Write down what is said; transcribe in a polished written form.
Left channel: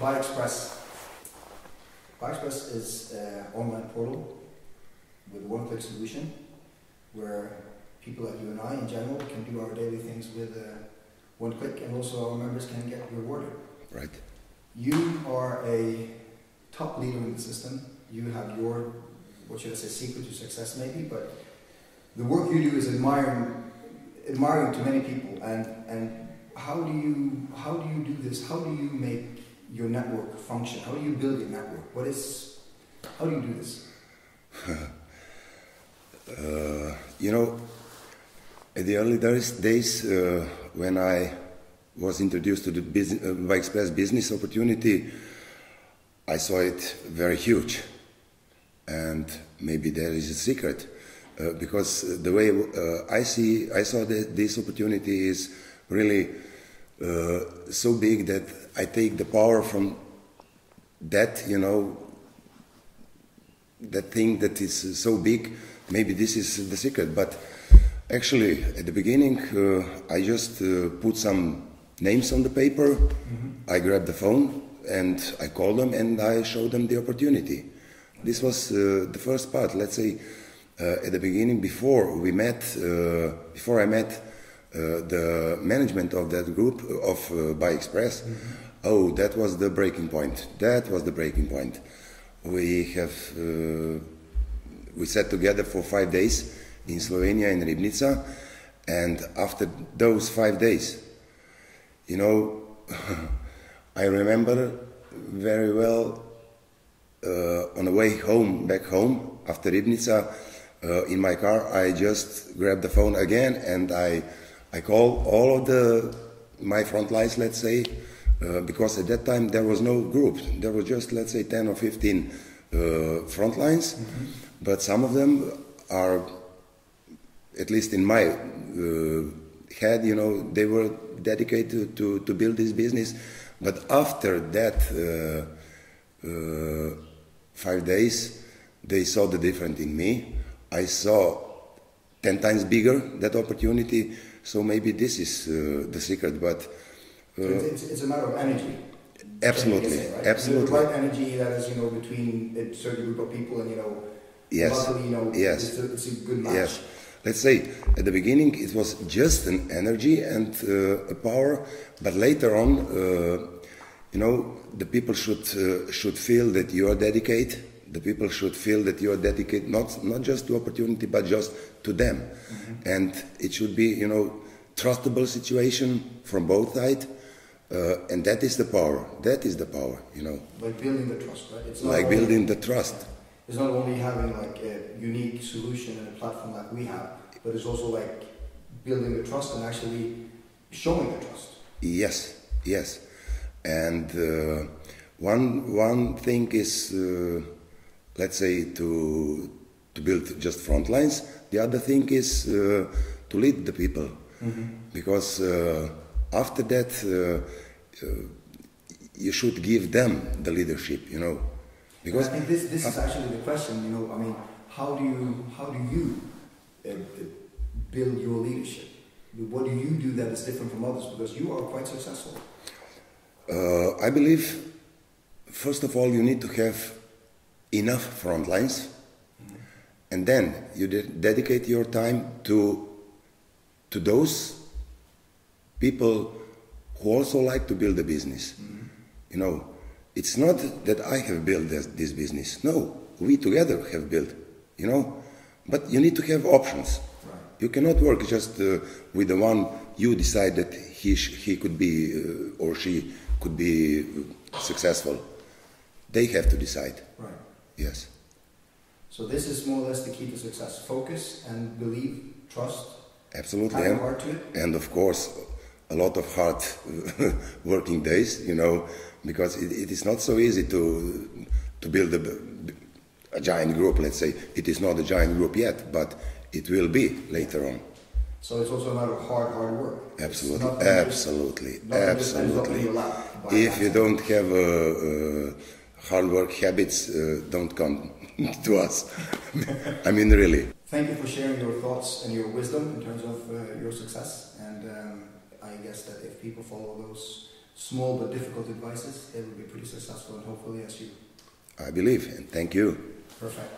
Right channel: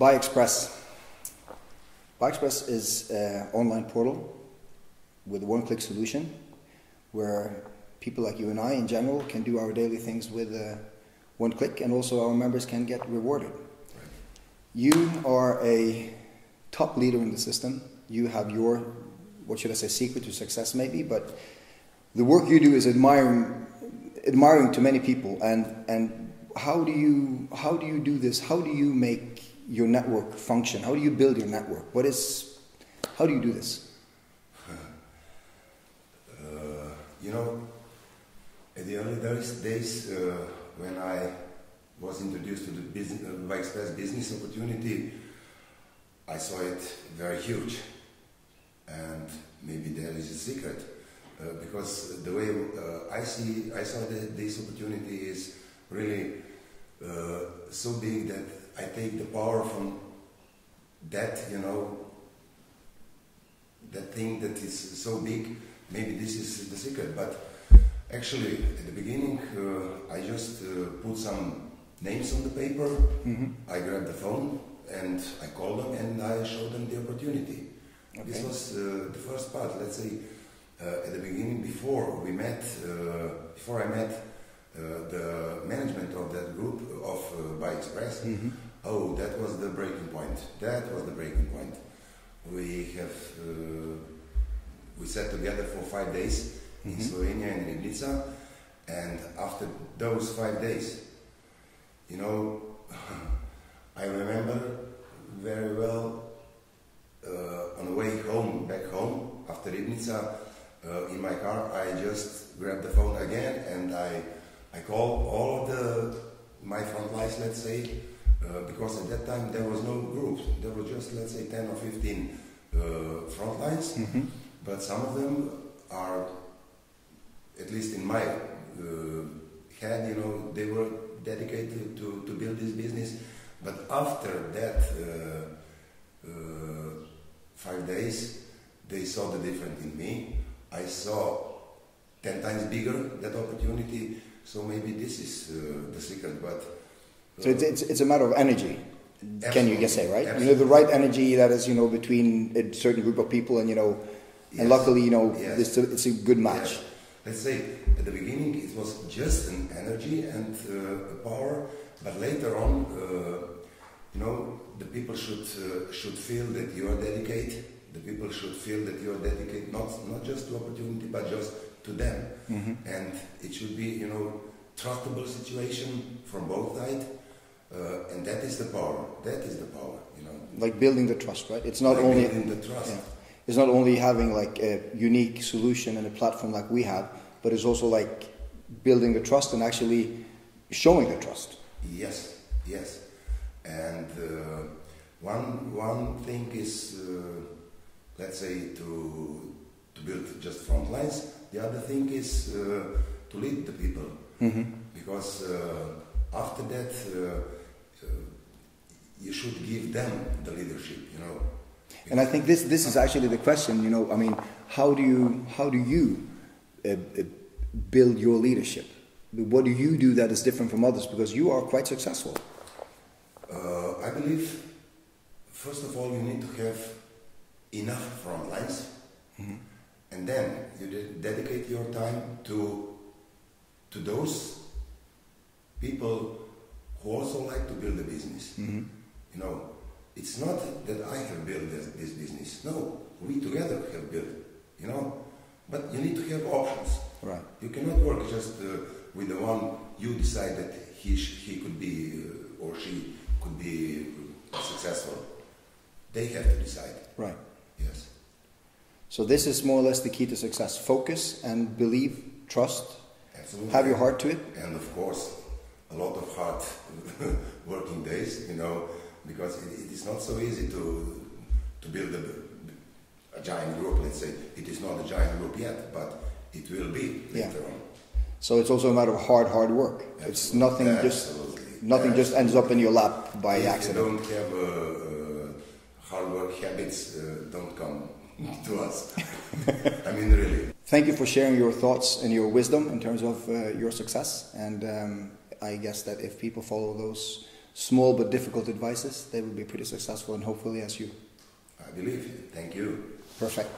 ByXpress. ByXpress is an online portal with a one-click solution where people like you and I in general can do our daily things with one click, and also our members can get rewarded. Right. You are a top leader in the system. You have your, what should I say, secret to success maybe, but the work you do is admiring to many people. And how do you do this? How do you make your network function? How do you build your network? How do you do this? At the early days when I was introduced to the ByXpress business opportunity, I saw it very huge, and maybe there is a secret, because the way I saw that this opportunity is really so big that I take the power from that, that thing that is so big. Maybe this is the secret, but actually at the beginning I just put some names on the paper. Mm-hmm. I grabbed the phone and I called them and I showed them the opportunity. Okay. This was the first part. Let's say at the beginning, before I met the management of that group of ByXpress. Mm-hmm. Oh, that was the breaking point. We sat together for 5 days in Slovenia, in Ribnica, and after those 5 days, I remember very well on the way home, back home, after Ribnica, in my car, I just grabbed the phone again and I called all of my front lines, let's say, because at that time there was no group. There was just, let's say, 10 or 15 front lines, mm-hmm. But some of them are, at least in my head, they were dedicated to build this business. But after that 5 days, they saw the difference in me. I saw 10 times bigger that opportunity. So maybe this is the secret. But so it's a matter of energy. Absolutely. Can you say, right? Absolutely. The right energy that is, between a certain group of people, and yes. And luckily, yes. it's a good match. Yes. Let's say at the beginning it was just an energy and a power, but later on, the people should feel that you are dedicated. The people should feel that you are dedicated not just to opportunity, but just to them. Mm-hmm. And it should be, trustable situation from both sides. And that is the power. Like building the trust, right? It's not like only building the trust. Yeah. It's not only having like a unique solution and a platform like we have, but it's also like building the trust and actually showing the trust. Yes. And one thing is, let's say, to build just front lines. The other thing is to lead the people, mm-hmm. Because after that you should give them the leadership, Because and I think this is actually the question, how do you build your leadership? What do you do that is different from others? Because you are quite successful. I believe, first of all, you need to have enough front lines, mm-hmm. And then you dedicate your time to those people who also like to build a business. Mm-hmm. It's not that I have built this business. No, we together have built, But you need to have options. Right. You cannot work just with the one you decide that he could be or she could be successful. They have to decide. Right. Yes. So this is more or less the key to success. Focus and believe, trust. Absolutely. Have your heart to it. And of course, a lot of hard working days, because it is not so easy to build a giant group, let's say. It is not a giant group yet, but it will be later on. So it's also a matter of hard work. Absolutely. Nothing just ends up in your lap by accident. If you don't have hard work habits, don't come to us. I mean, really. Thank you for sharing your thoughts and your wisdom in terms of your success. And I guess that if people follow small but difficult advices, they will be pretty successful, and hopefully as you. I believe, and thank you. Perfect.